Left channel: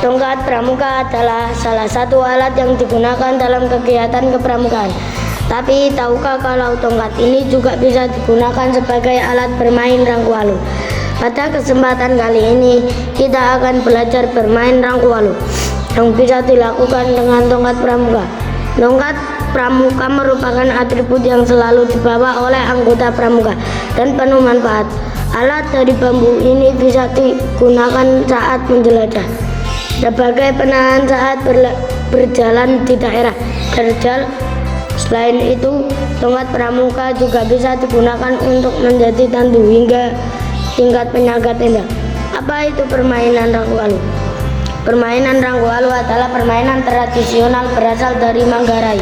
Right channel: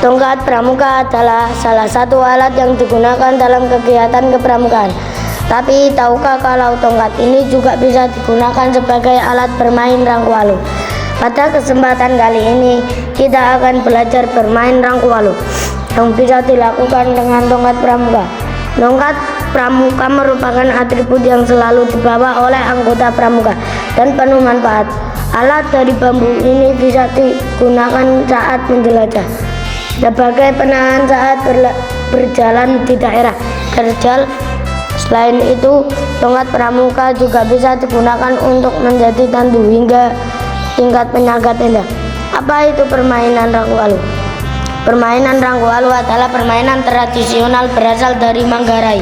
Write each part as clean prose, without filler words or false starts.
Tongkat pramuka adalah salah satu alat yang digunakan dalam kegiatan kepramukaan. Tapi tahukah kalau tongkat ini juga bisa digunakan sebagai alat bermain rangkualu? Pada kesempatan kali ini kita akan belajar bermain rangkualu yang bisa dilakukan dengan tongkat pramuka. Tongkat pramuka merupakan atribut yang selalu dibawa oleh anggota pramuka dan penuh manfaat. Alat dari bambu ini bisa digunakan saat menjelajah, sebagai penahan saat berjalan di daerah terjal. Selain itu, tongkat pramuka juga bisa digunakan untuk menjadi tandu hingga tingkat penyaga tenda. Apa itu permainan rangkualu? Permainan rangkualu adalah permainan tradisional berasal dari Manggarai,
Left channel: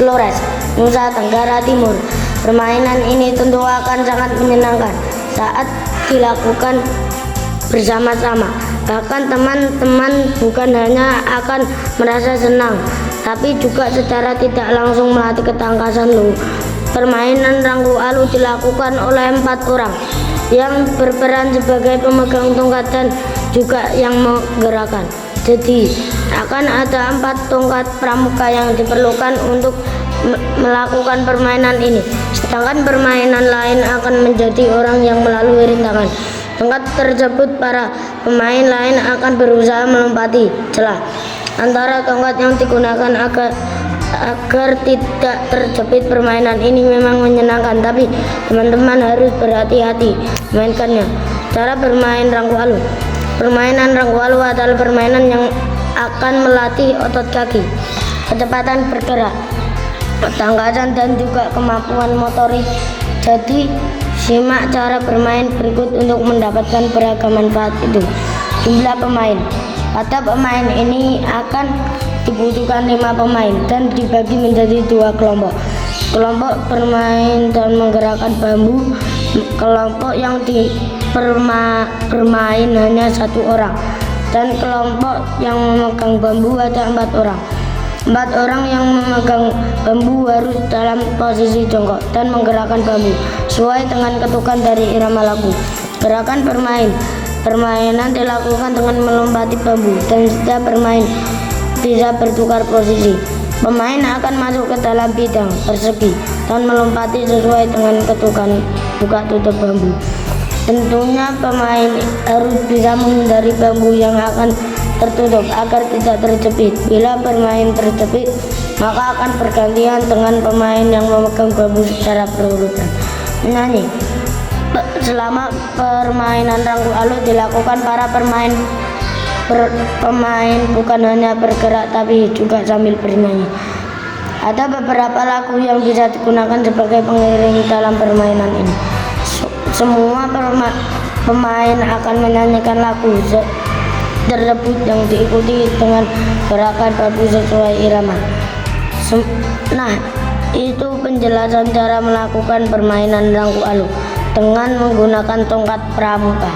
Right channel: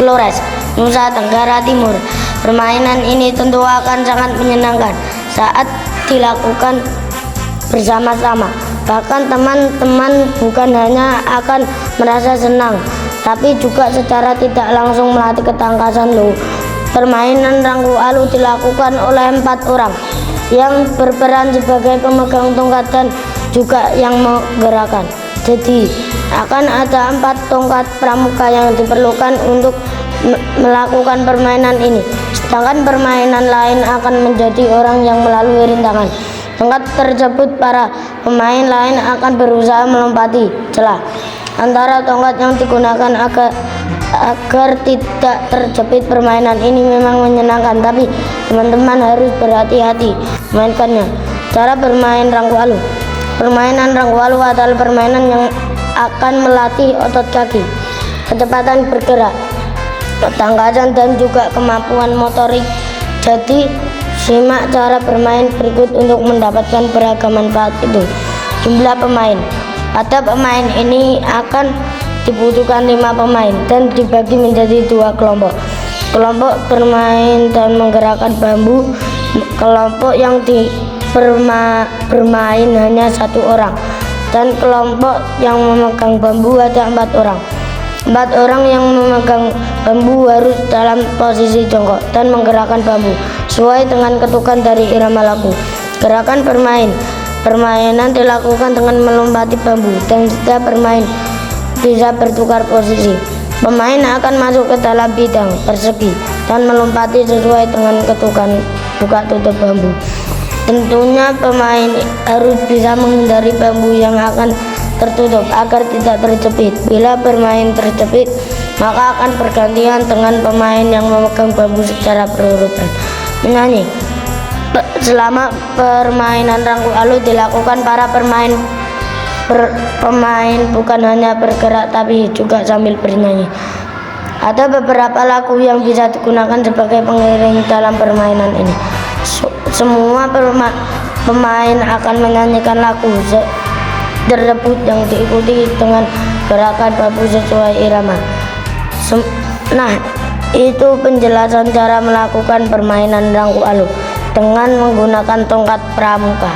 Flores, Nusa Tenggara Timur. Permainan ini tentu akan sangat menyenangkan saat dilakukan bersama-sama. Bahkan teman-teman bukan hanya akan merasa senang, tapi juga secara tidak langsung melatih ketangkasan loh. Permainan rangkualu dilakukan oleh 4 orang yang berperan sebagai pemegang tongkat dan juga yang menggerakkan. Jadi akan ada 4 tongkat pramuka yang diperlukan untuk melakukan permainan ini. Sedangkan permainan lain akan menjadi orang yang melalui rintangan tongkat tersebut. Para pemain lain akan berusaha melompati celah antara tongkat yang digunakan agar tidak terjepit. Permainan ini memang menyenangkan, tapi teman-teman harus berhati-hati memainkannya. Cara bermain rangkualu. Permainan rangkualu adalah permainan yang akan melatih otot kaki, kecepatan bergerak, ketangkasan, dan juga kemampuan motorik. Jadi simak cara bermain berikut untuk mendapatkan beragam manfaat itu. Jumlah pemain. Pada pemain ini akan dibutuhkan 5 pemain dan dibagi menjadi 2 kelompok. Kelompok bermain dan menggerakkan bambu, kelompok yang bermain hanya 1 orang, dan kelompok yang memegang bambu ada 4 orang. 4 orang yang memegang bambu harus dalam posisi jongkok dan menggerakkan bambu sesuai dengan ketukan dari irama lagu. Gerakan permainan dilakukan dengan melompati bambu, dan setiap bermain bisa bertukar posisi. Pemain akan masuk ke dalam bidang persegi dan melompati sesuai dengan ketukan buka tutup bambu. Tentunya pemain harus bisa menghindari bambu yang akan tertutup agar tidak terjepit. Bila bermain terjepit, maka akan bergantian dengan pemain yang memegang bambu secara berurutan menyanyi. Selama permainan rangkualu dilakukan, para pemain bukan hanya bergerak tapi juga sambil bernyanyi. Ada beberapa lagu yang bisa digunakan sebagai pengiring dalam permainan ini. Semua pemain akan menyanyikan lagu tersebut yang diikuti dengan gerakan bambu sesuai irama. Nah, itu penjelasan cara melakukan permainan rangkualu dengan menggunakan tongkat pramuka.